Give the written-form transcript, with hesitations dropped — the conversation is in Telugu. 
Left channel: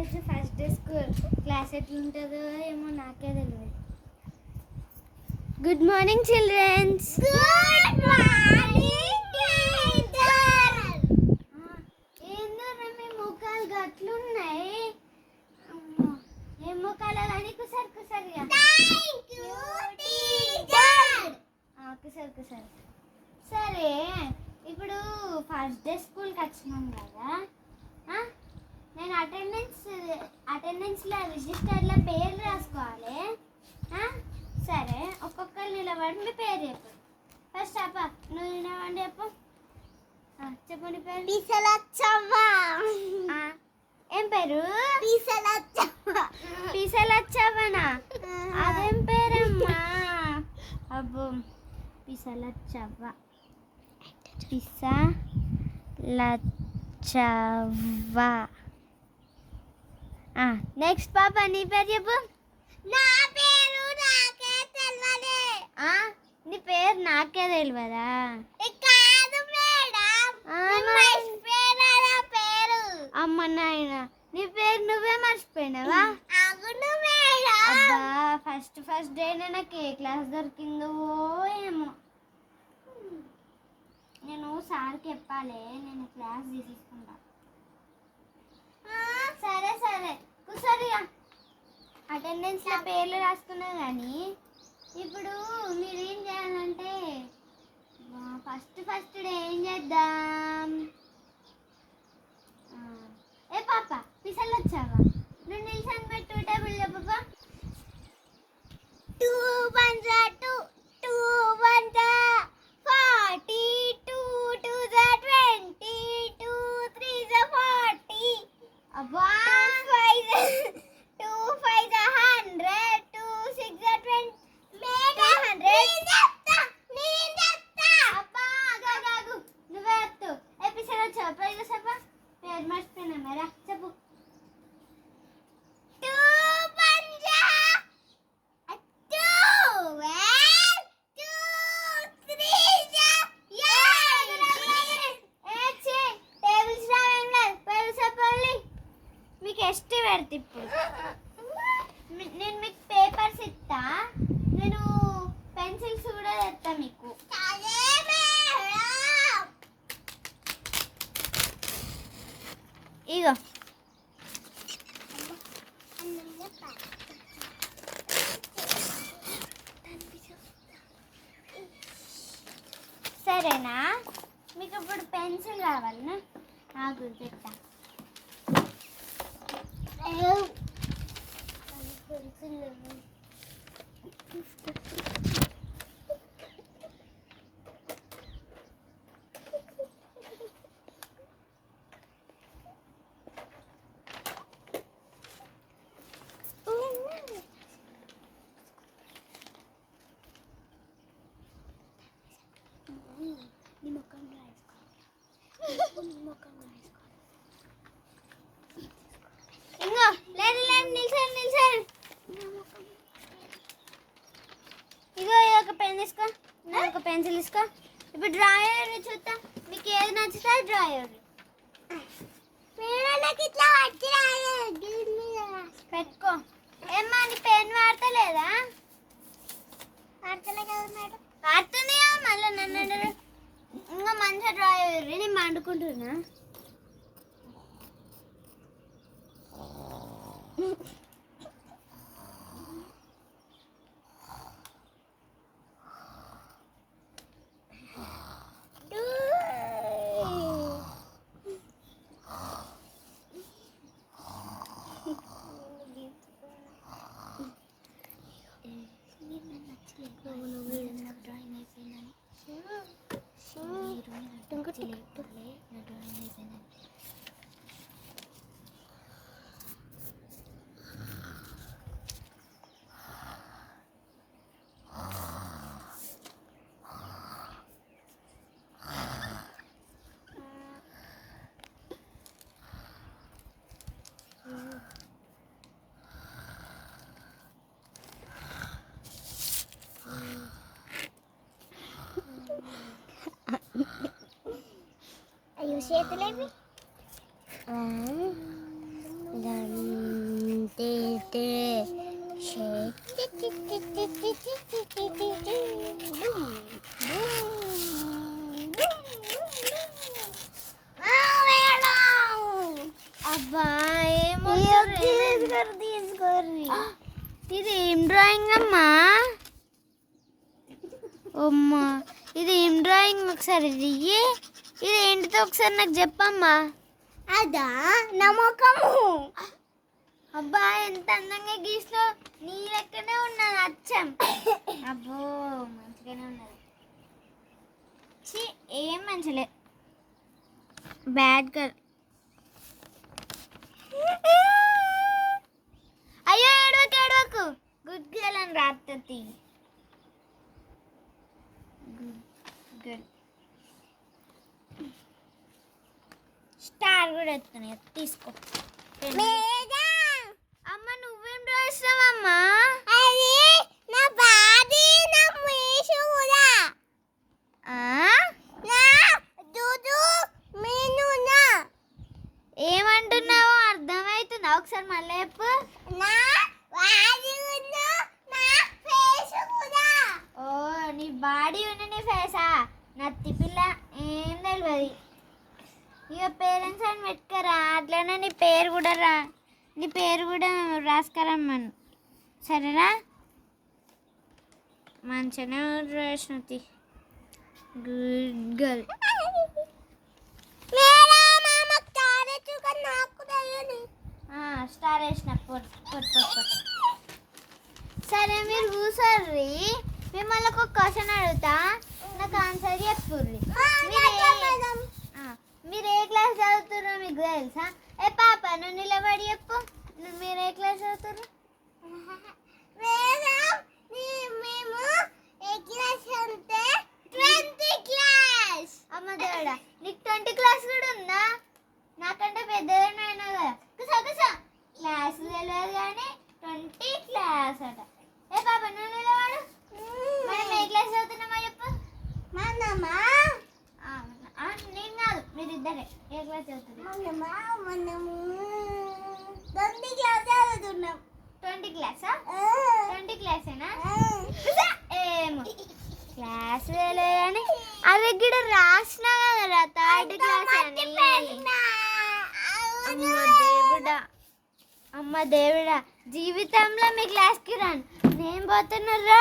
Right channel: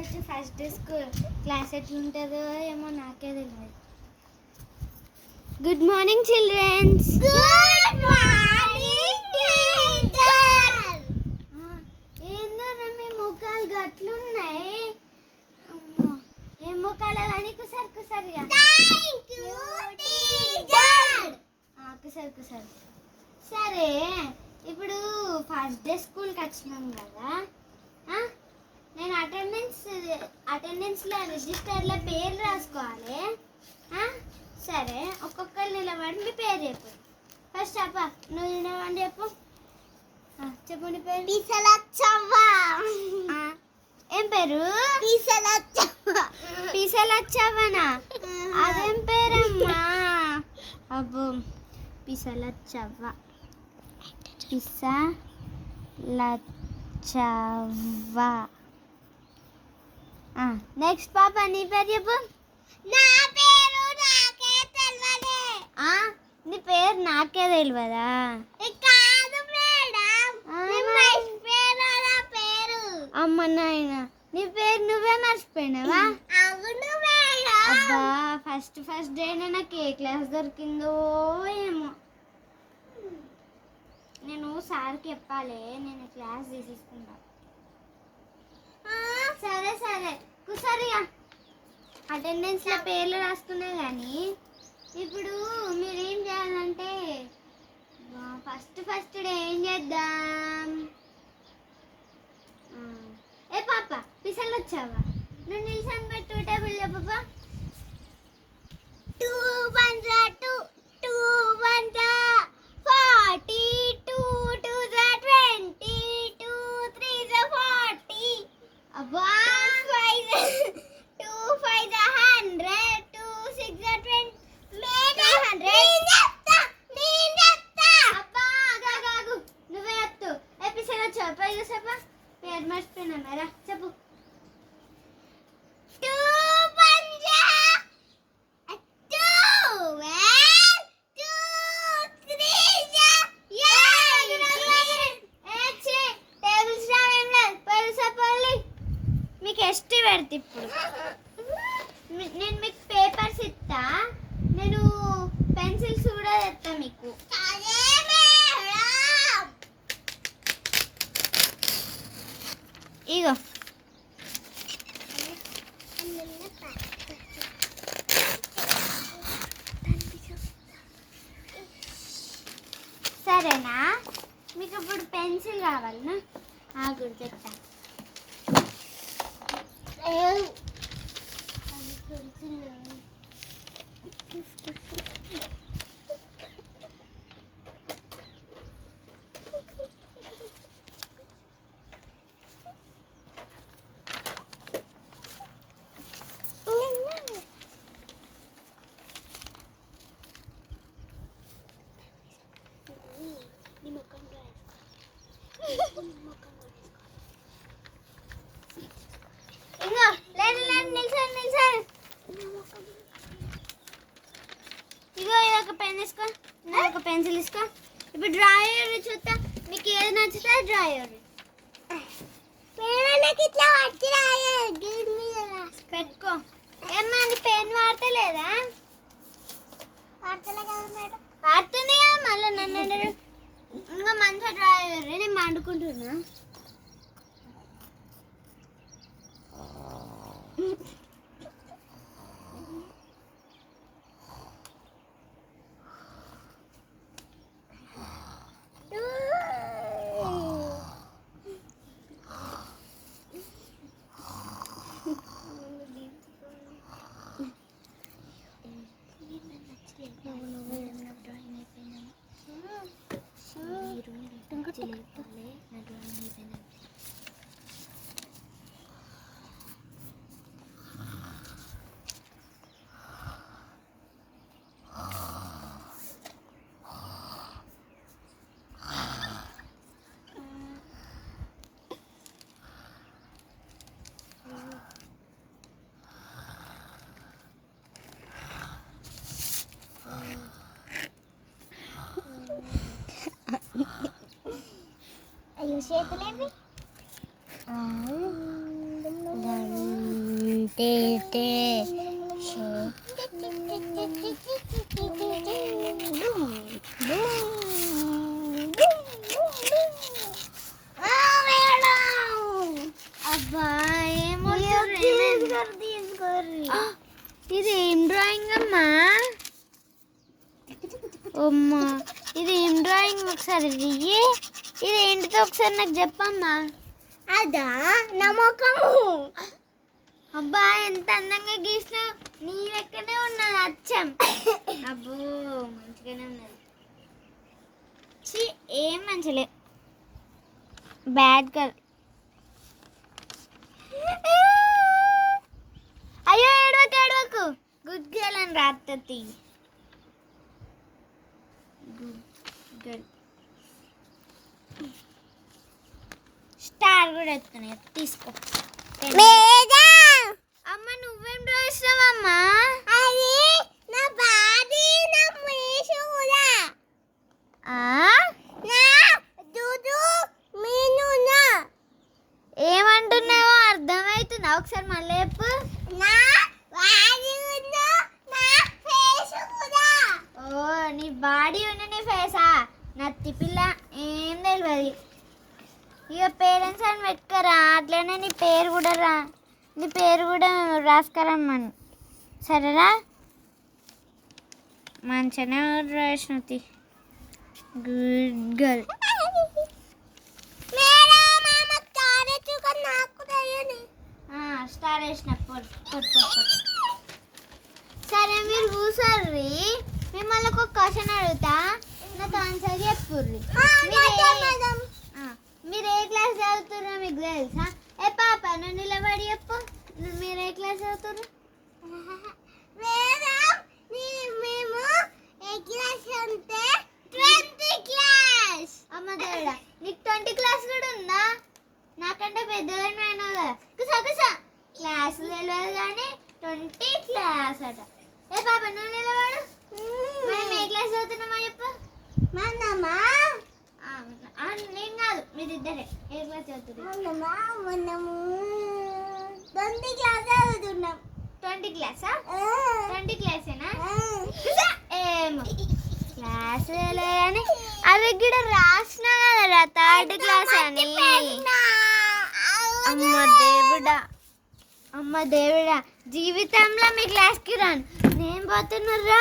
First first day school class ఎట్లుంటుందో ఏమో నాకే తెలియదు. Good morning children's. Good morning teacher. ఏందరా మీ ముఖాలు గట్లున్నాయి? ఏం ముఖాలు కానీ కుసరి కుసరిగా. Thank you teacher. కుసరి. సరే, ఇప్పుడు ఫస్ట్ డే స్కూల్కి వచ్చినాం కదా, నేను అటెండెన్స్లో రిజిస్టర్లో పేరు రాసుకోవాలి. సరే, ఒక్కొక్కరు నిలబడి మీ పేరు చెప్పు. ఫస్ట్ అప్ప నువ్వు నిలబడి చెప్పు. చెప్పండి పేరు. పీసలచ్చవ్వ. ఏం పేరు? పీసలచ్చవ్వనా? అదేం పేరమ్మా? అబ్బో, పీసలచ్చవ్వ. పీసలచ్చవ్వ. నెక్స్ట్ పాప నీ పేరు చెప్పు. నా పేరు నాకే తెలియదు. నీ పేరు నాకే తెలియదా? కాదు మేడం, పేరు. అమ్మ నాయన, నీ పేరు నువ్వే మర్చిపోయినావా? అవును మేడం. అబ్బా, ఫస్ట్ డేనే నాకు ఏ క్లాస్ దొరికిందో ఏమో. నేను సార్కి చెప్పాలి, నేను క్లాస్ తీసేసుకుంటా. సరే కుసరిగా అటెండెన్స్లో పేర్లు రాసుకున్నా కానీ ఇప్పుడు మీరేం చేయాలంటే ఫస్ట్ డే ఏం చేద్దాం? ఏ పాప పిసలు వచ్చావా? నువ్వు నిల్చొని పెట్టు టేబుల్ పాప. 2 1 2 2 1 40 2 2 20 2 3 40. అబ్బా, 2 5 100 2 6 20 అబ్బా గాగు నువ్వే ఎత్తు. ఎపిసోడ్ వచ్చావు పైగా చెప్పా. పేరు మర్చిపోయినా మేరా చెప్పు. 2 1 2 2 3 టేబుల్స్ రావేం లేదు. పేరు చెప్పాలి. మీకు ఎస్టీ పెడతా ఇప్పుడు. నేను మీకు పేపర్స్ ఇస్తా, నేను పెన్సిల్స్ కూడా తెస్తా మీకు. ఇగో సరేనా? మీకు ఇప్పుడు పెన్సిల్ కావాలనా? ఆగుడు తెస్తా. ఇంకో లేదు నిల్చొని ఇగో ఇదొక పెన్ తీసుకో, ఒక పెన్సిల్ తీసుకో. ఇప్పుడు డ్రా చేయండి చూస్తా, మీకు ఏది నచ్చుతా డ్రా చేయండి. పెట్టుకో. ఏమ్మా నీ పెన్ వాడతలేదా? వాడుతుంది మళ్ళీ నన్ను ఇంకా మంచిగా డ్రా చేయండి. నేను మండుకుంటున్నా. చేతులేవి 2 పెట్టే అబ్బా ఏమో ఇది ఏం డ్రాయింగ్ అమ్మా అమ్మా ఇది ఏం డ్రాయింగ్ ఒకసారి ఇది ఏంటితో ఒకసారి నాకు చెప్పమ్మా అదా నమ్మకము అబ్బా ఎంత అందంగా గీసినావు నీ లెక్కనే ఉన్నది అచ్చం అబ్బో మంచిగానే ఉన్నది ఏం మంచిలే బ్యాడ్ గర్ల్ అయ్యో ఏడవకు గుడ్ గర్ల్ అని రాత్తది గుడ్ గర్ల్ స్టార్ కూడా ఎత్తుకున్నా తీసుకో అమ్మ నువ్వేం రాసినావమ్మా అది నా బాడీ నా ఫేస్ కూడా నా దుదు మీనునా ఏమంటున్నావో అర్థమవుతుందా ఒకసారి మళ్ళీ చెప్పు నా బాడీ ఉన్న నా ఫేస్ కూడా ఓ నీ బాడీ ఉన్న నీ ఫేసా నత్తి పిల్ల ఏం తెలియదు ఇక పేరెంట్స్ అని పెట్టుకోరా అట్లనే నీ పేరు కూడా రాసుకురమ్మను సరేనా మంచిగానే రాసినది గుడ్ గర్ల్ స్టార్ వేసిన సరే మీరు కూర్చోర్రి మిమ్మల్ని ఒక క్వశ్చన్ అడుగుతా నాకు ఆన్సర్ చెప్పుర్రి మీరు ఏ క్లాస్ చదువుతుర్రో మీకు తెలుసా ఏ పాప నువ్వు నిలబడి చెప్పు మీరు ఏ క్లాస్ చదువుతుర్రు మేము ఏ క్లాస్ అంటే 20 క్లాస్ అమ్మ దేవుడా నీకు 20 క్లాస్ కూడా ఉందా నాకంటే పెద్దదైనా అయినా కదా క్లాస్ తెలియదు కానీ 20 క్లాస్ అట ఏ పాప నువ్వు నిలబడు మనం ఏ క్లాస్ చదువుతున్నామా చెప్పు మనమా నేను కాదు మీరు ఇద్దరే ఏ క్లాస్ చదువుతున్నారు మనము 20 క్లాస్ చదువుతున్నాం 20 క్లాసా 20 క్లాసేనా ఏమో క్లాస్ లేదని అది కూడా రాసినా కదా 3rd క్లాస్ అని అమ్మ దేవుడా జీవితంలో మీ క్లాస్కి రాను నేను పోతున్నా